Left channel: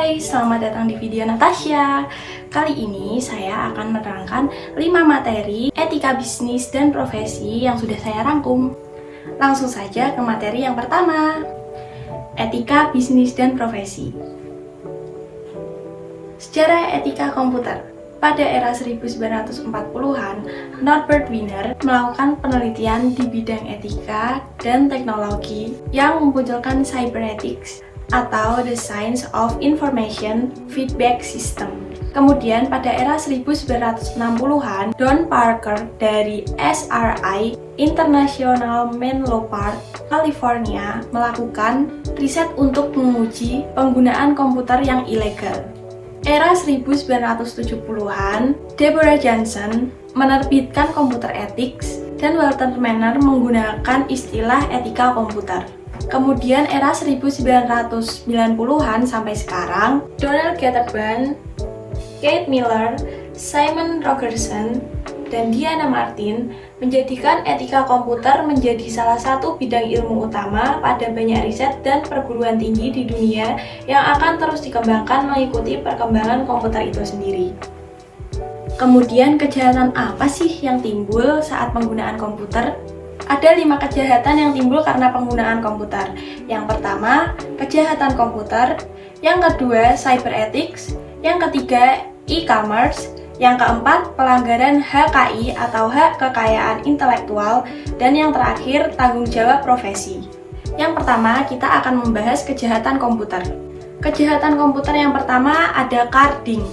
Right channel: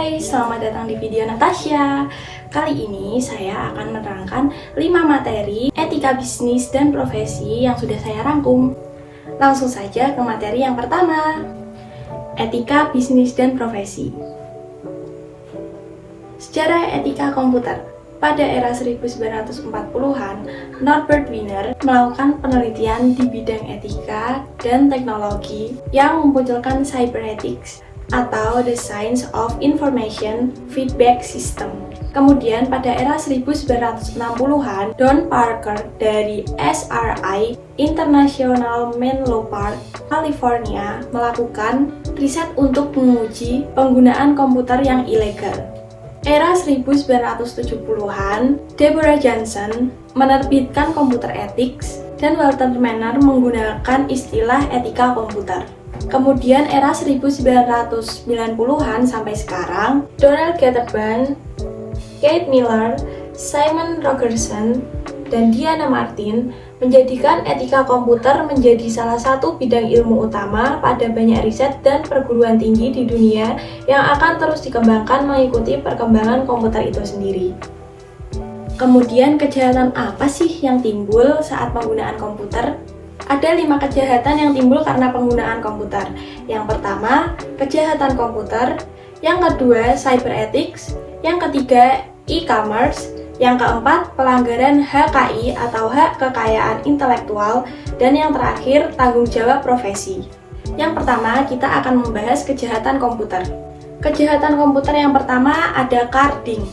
Hai, selamat datang di video Natasha. Kali ini saya akan menerangkan 5 materi etika bisnis dan profesi yang sudah saya rangkum. Langsung saja ke materi yang pertama, etika bisnis dan profesi. Sejarah etika komputer. Pada era 1940-an, Norbert Wiener melakukan penelitian di bidang etika dan teknologi yang memunculkan cybernetics atau the Science of Information Feedback System. Kemudian pada era 1960-an, Don Parker dari SRI International Menlo Park, California melakukan riset untuk menguji penggunaan komputer yang ilegal. Era 1970-an, Deborah Johnson menerbitkan komputer ethics dan Walter Manner menggunakan istilah etika komputer. Kemudian era 1990-an sampai sekarang, Donald Gatterban, Kate Miller, Simon Rogerson, dan Diana Martin menjadikan etika komputer menjadi salah satu bidang ilmu utama pada banyak riset dan perguruan tinggi di dunia yang akan terus dikembangkan mengikuti perkembangan komputer itu sendiri. Kemudian kejahatan apa sih yang timbul saat penggunaan komputer? Ada 5 kejahatan yang timbul karena penggunaan komputer. Yang pertama, kejahatan komputer. Yang kedua, cyber ethics. Yang ketiga, e-commerce. Yang keempat, pelanggaran HKI atau hak kekayaan intelektual. Dan yang terakhir, tanggung jawab profesi. Yang pertama, kita akan membahas kejahatan komputer. Kejahatan komputer yang pertama ada carding.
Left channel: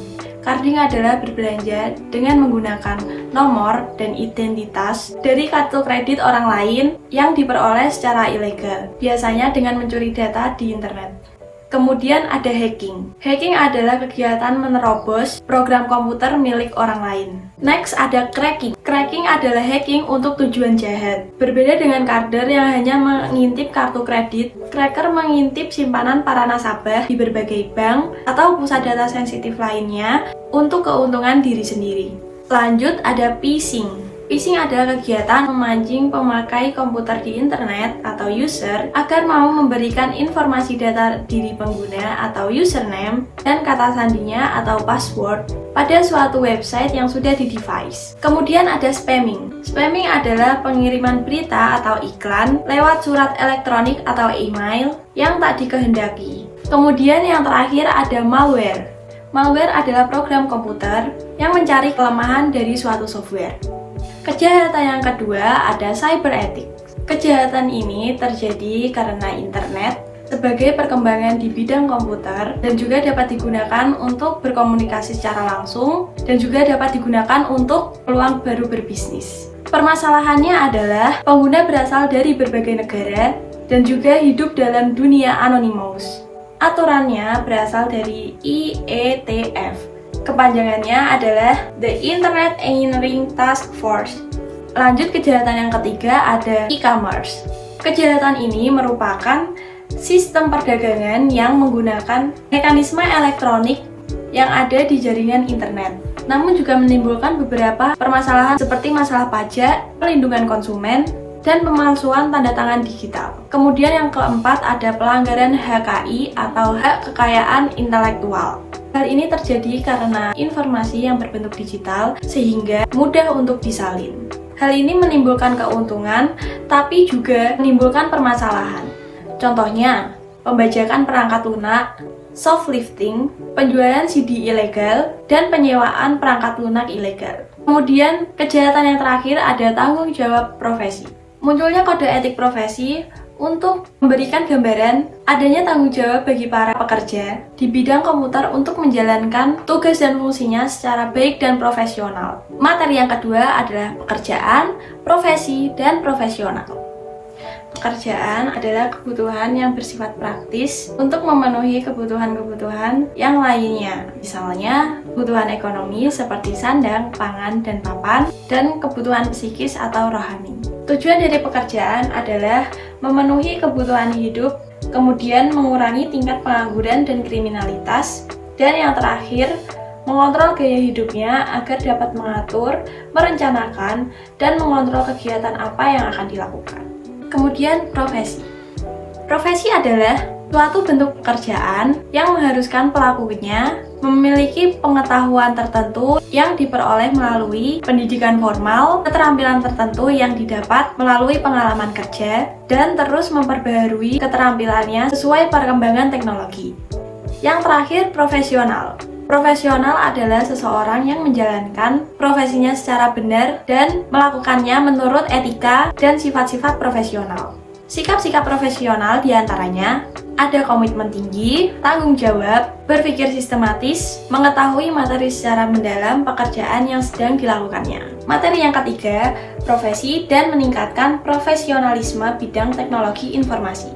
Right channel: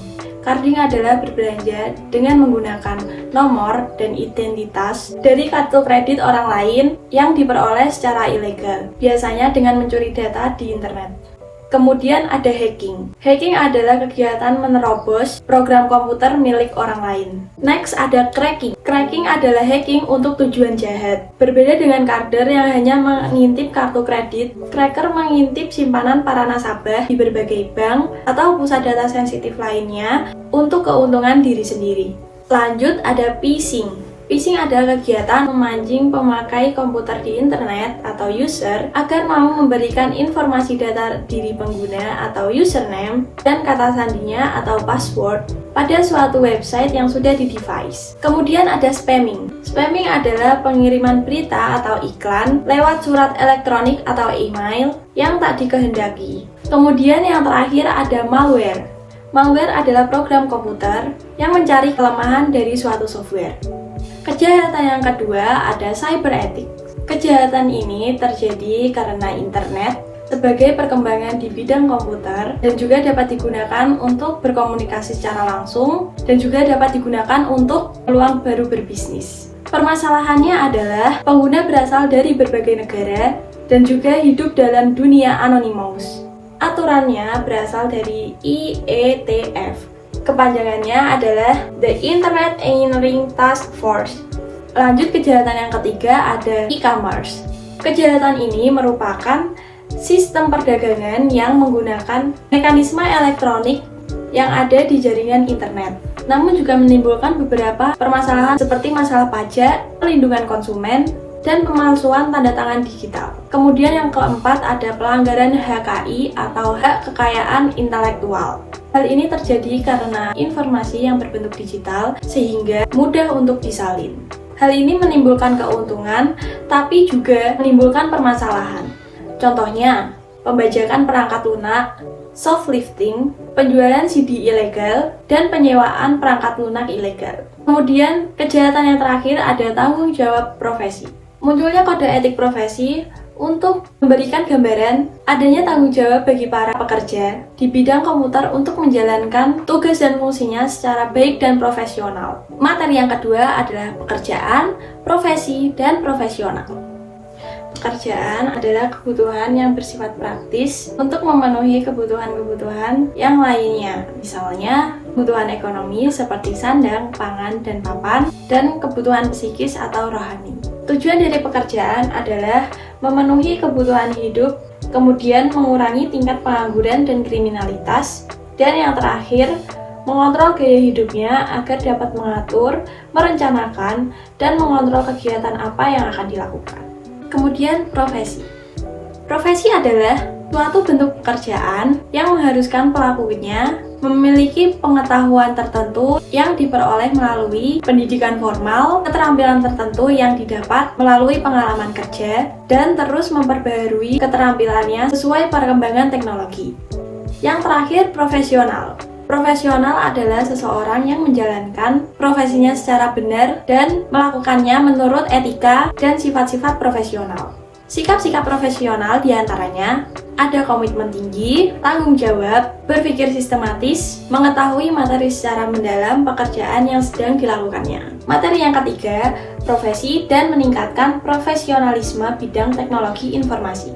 Carding adalah berbelanja dengan menggunakan nomor dan identitas dari kartu kredit orang lain yang diperoleh secara ilegal, biasanya dengan mencuri data di internet. Kemudian ada hacking. Hacking adalah kegiatan menerobos program komputer milik orang lain. Next ada cracking. Cracking adalah hacking untuk tujuan jahat. Berbeda dengan carder yang hanya mengintip kartu kredit, cracker mengintip simpanan para nasabah di berbagai bank atau pusat data sensitif lainnya untuk keuntungan diri sendiri. Lanjut ada phishing. Phishing adalah kegiatan memancing pemakai komputer di internet atau user agar mau memberikan informasi data diri pengguna atau username dan kata sandinya atau password pada suatu website yang sudah di-device. Kemudian ada spamming. Spamming adalah pengiriman berita atau iklan lewat surat elektronik atau email yang tak dikehendaki. Kemudian yang terakhir ada malware. Malware adalah program komputer yang mencari kelemahan dari suatu software. Kejahatan yang kedua ada cyber ethics. Kejahatan ini terjadi karena internet sebagai perkembangan di bidang komputer dan juga dapat digunakan untuk berkomunikasi secara langsung dan juga dapat digunakan untuk peluang baru berbisnis. Permasalahannya adalah pengguna berasal dari berbagai negara dan juga hidup dalam dunia anonymous. Aturannya berasal dari IETF. Kepanjangannya adalah The Internet Engineering Task Force. Lanjut kejahatan yang ketiga ada e-commerce. Kejahatan ini merupakan sistem perdagangan yang menggunakan mekanisme elektronik yang ada di jaringan internet. Namun juga menimbulkan beberapa permasalahan seperti masalah pajak, perlindungan konsumen, dan pemalsuan tanda tangan digital. Kemudian yang keempat ada pelanggaran HKI atau hak kekayaan intelektual. Hal ini terjadi karena informasi yang berbentuk digital sehingga mudah untuk disalin. Hal ini menimbulkan keuntungan tapi juga menimbulkan permasalahan. Contohnya, pembajakan perangkat lunak, shoplifting, penjualan CD ilegal, dan penyewaan perangkat lunak ilegal. Kemudian, kejahatan yang terakhir ada tanggung jawab profesi. Munculnya kode etik profesi untuk memberikan gambaran adanya tanggung jawab bagi para pekerja di bidang komputer untuk menjalankan tugas dan fungsinya secara baik dan profesional. Materi yang kedua adalah pekerjaan, profesi, dan profesional. Pekerjaan adalah kebutuhan yang bersifat praktis untuk memenuhi kebutuhan-kebutuhan yang lainnya. Misalnya, kebutuhan ekonomi seperti sandang, pangan, dan papan, dan kebutuhan psikis atau rohani. Tujuan dari pekerjaan adalah memenuhi kebutuhan hidup, kemudian mengurangi tingkat pengangguran dan kriminalitas, dan yang terakhir, mengontrol gaya hidupnya agar dapat mengatur, merencanakan, dan mengontrol kegiatan apa yang akan dilakukan. Kemudian profesi. Profesi adalah suatu bentuk pekerjaan yang mengharuskan pelakunya memiliki pengetahuan tertentu yang diperoleh melalui pendidikan formal, keterampilan tertentu yang didapat melalui pengalaman kerja, dan terus memperbaharui keterampilannya sesuai perkembangan teknologi. Yang terakhir, profesional. Profesional adalah seseorang yang menjalankan profesinya secara benar dan melakukannya menurut etika dan sifat-sifat profesional. Sikap-sikap profesional diantaranya ada komitmen tinggi, tanggung jawab, berpikir sistematis, mengetahui materi secara mendalam pekerjaan yang sedang dilakukannya. Materi yang ketiga, profesi dan meningkatkan profesionalisme bidang teknologi informasi.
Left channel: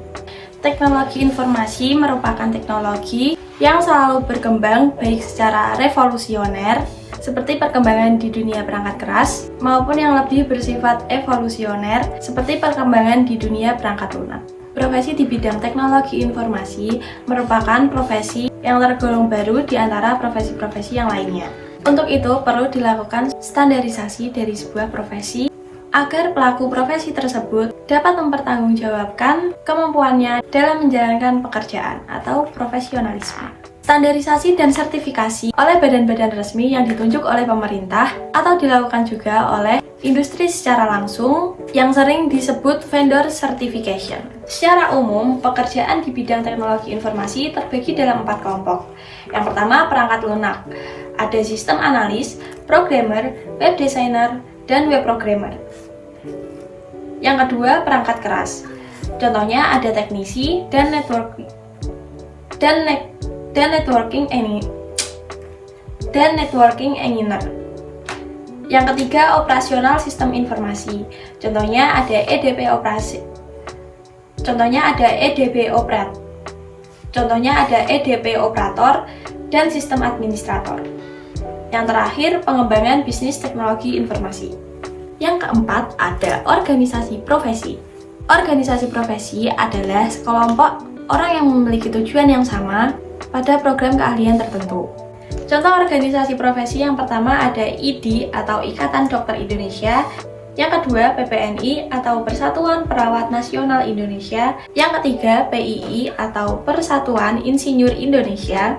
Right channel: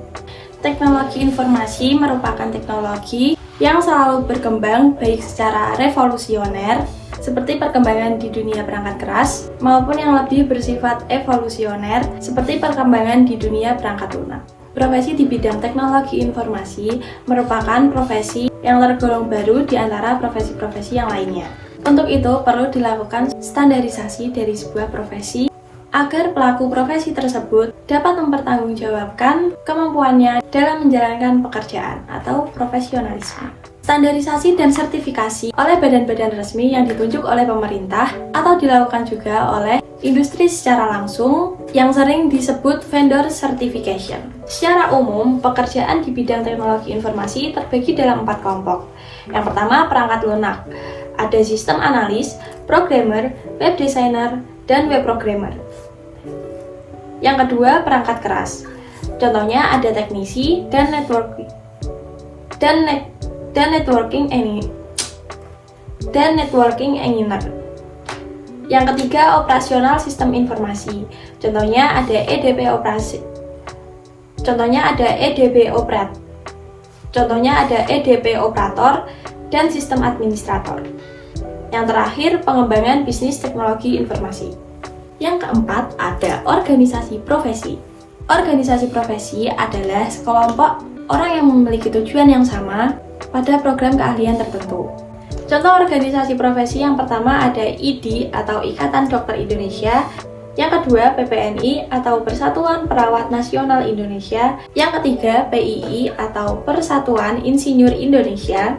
Teknologi informasi merupakan teknologi yang selalu berkembang baik secara revolusioner, seperti perkembangan di dunia perangkat keras, maupun yang lebih bersifat evolusioner, seperti perkembangan di dunia perangkat lunak. Profesi di bidang teknologi informasi merupakan profesi yang tergolong baru di antara profesi-profesi yang lainnya. Untuk itu, perlu dilakukan standarisasi dari sebuah profesi agar pelaku profesi tersebut dapat mempertanggungjawabkan kemampuannya dalam menjalankan pekerjaan atau profesionalisme. Standarisasi dan sertifikasi oleh badan-badan resmi yang ditunjuk oleh pemerintah atau dilakukan juga oleh industri secara langsung yang sering disebut vendor certification. Secara umum, pekerjaan di bidang teknologi informasi terbagi dalam 4 kelompok. Yang pertama, perangkat lunak. Ada sistem analis, programmer, web designer, dan web programmer. Yang kedua, perangkat keras. Contohnya ada teknisi dan networking engineer. Yang ketiga, operasional sistem informasi. Contohnya ada EDP operator dan sistem administrator. Yang terakhir, pengembangan bisnis teknologi informasi. Yang keempat, ada organisasi profesi. Organisasi profesi adalah sekelompok orang yang memiliki tujuan yang sama pada program keahlian tertentu. Contoh organisasi profesi yang pertama ada IDI atau Ikatan Dokter Indonesia, yang kedua PPNI atau Persatuan Perawat Nasional Indonesia, yang ketiga PII atau Persatuan Insinyur Indonesia,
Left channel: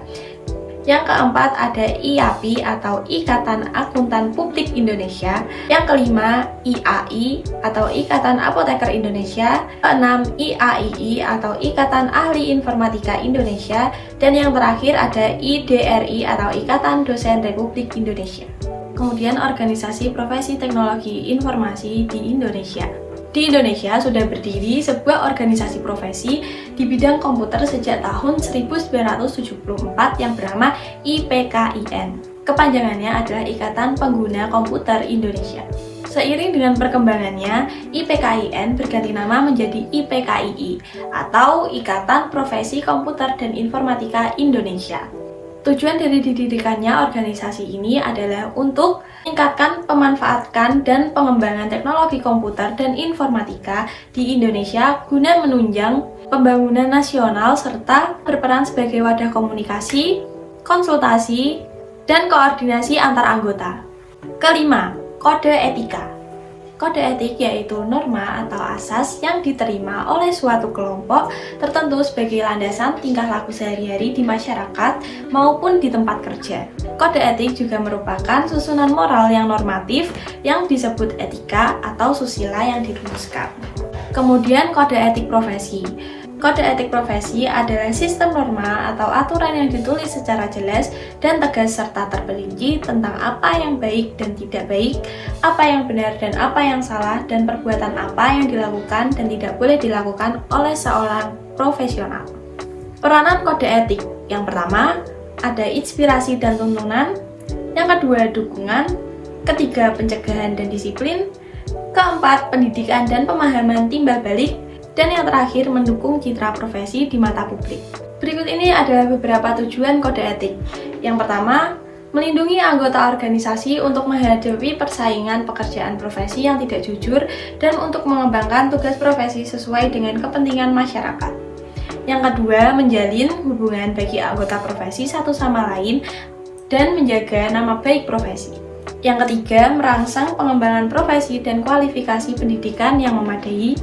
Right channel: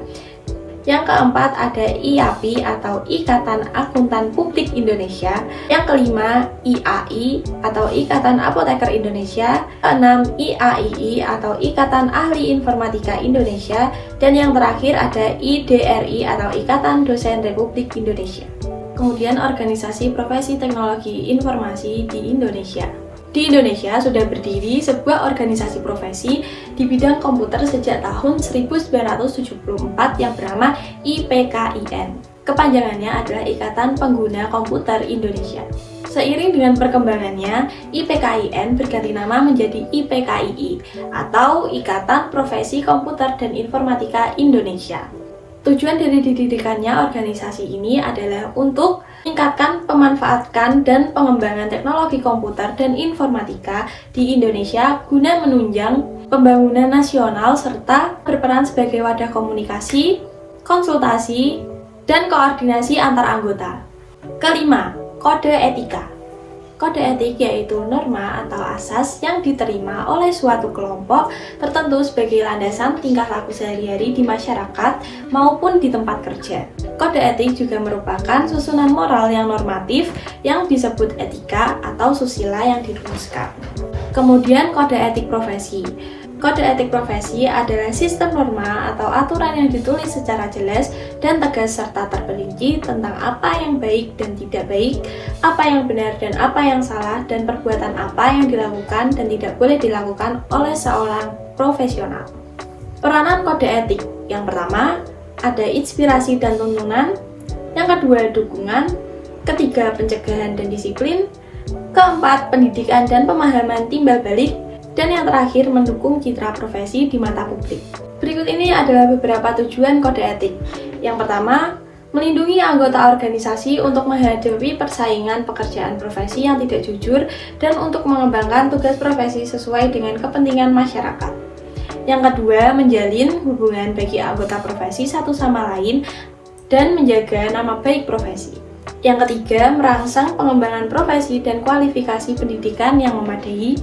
yang keempat ada IAPI atau Ikatan Akuntan Publik Indonesia, yang kelima IAI atau Ikatan Apoteker Indonesia, keenam IAII atau Ikatan Ahli Informatika Indonesia, dan yang terakhir ada IDRI atau Ikatan Dosen Republik Indonesia. Kemudian organisasi profesi teknologi informasi di Indonesia. Di Indonesia sudah berdiri sebuah organisasi profesi di bidang komputer sejak tahun 1974 yang bernama IPKIN. Kepanjangannya adalah Ikatan Pengguna Komputer Indonesia. Seiring dengan perkembangannya, IPKIN berganti nama menjadi IPKII atau Ikatan Profesi Komputer dan Informatika Indonesia. Tujuan dari didirikannya organisasi ini adalah untuk meningkatkan, pemanfaatkan, dan pengembangan teknologi komputer dan informatika di Indonesia guna menunjang pembangunan nasional serta berperan sebagai wadah komunikasi, konsultasi, dan koordinasi antar anggota. Kelima, kode etika. Kode etik yaitu norma atau asas yang diterima oleh suatu kelompok tertentu sebagai landasan tingkah laku sehari-hari di masyarakat maupun di tempat kerja. Kode etik juga merupakan susunan moral yang normatif yang disebut etika atau susila yang dirumuskan. Kemudian kode etik profesi. Kode etik profesi adalah sistem norma atau aturan yang ditulis secara jelas dan tegas serta terperinci tentang apa yang baik dan tidak baik, apa yang benar dan apa yang salah, dan perbuatan apa yang dilakukan dan tidak boleh dilakukan oleh seorang profesional. Peranan kode etik. Yang pertama, ada inspirasi dan tuntunan. Yang kedua, dukungan. Ketiga, pencegahan dan disiplin. Keempat, pendidikan dan pemahaman timbal balik. Dan yang terakhir, mendukung citra profesi di mata publik. Berikut ini adalah beberapa tujuan kode etik. Yang pertama, melindungi anggota organisasi untuk menghadapi persaingan pekerjaan profesi yang tidak jujur dan untuk mengembangkan tugas profesi sesuai dengan kepentingan masyarakat. Yang kedua, menjalin hubungan bagi anggota profesi satu sama lain dan menjaga nama baik profesi. Yang ketiga, merangsang pengembangan profesi dan kualifikasi pendidikan yang memadai.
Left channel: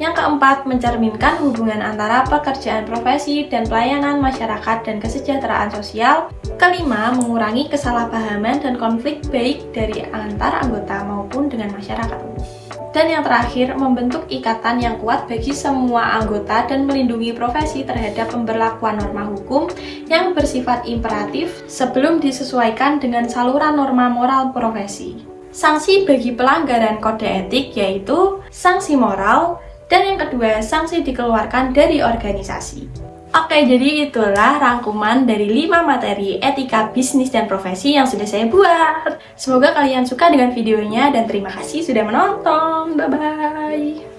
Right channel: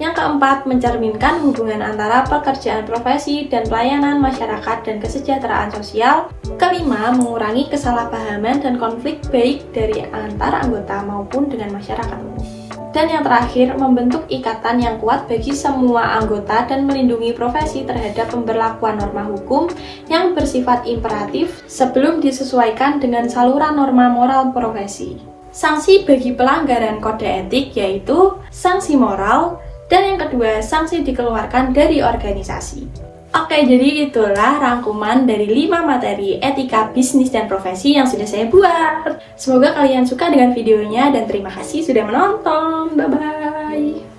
Yang keempat, mencerminkan hubungan antara pekerjaan profesi dan pelayanan masyarakat dan kesejahteraan sosial. Kelima, mengurangi kesalahpahaman dan konflik baik dari antar anggota maupun dengan masyarakat umum. Dan yang terakhir, membentuk ikatan yang kuat bagi semua anggota dan melindungi profesi terhadap pemberlakuan norma hukum yang bersifat imperatif sebelum disesuaikan dengan saluran norma moral profesi. Sanksi bagi pelanggaran kode etik yaitu sanksi moral, dan yang kedua, sanksi dikeluarkan dari organisasi. Oke, jadi itulah rangkuman dari 5 materi etika bisnis dan profesi yang sudah saya buat. Semoga kalian suka dengan videonya dan terima kasih sudah menonton. Bye-bye.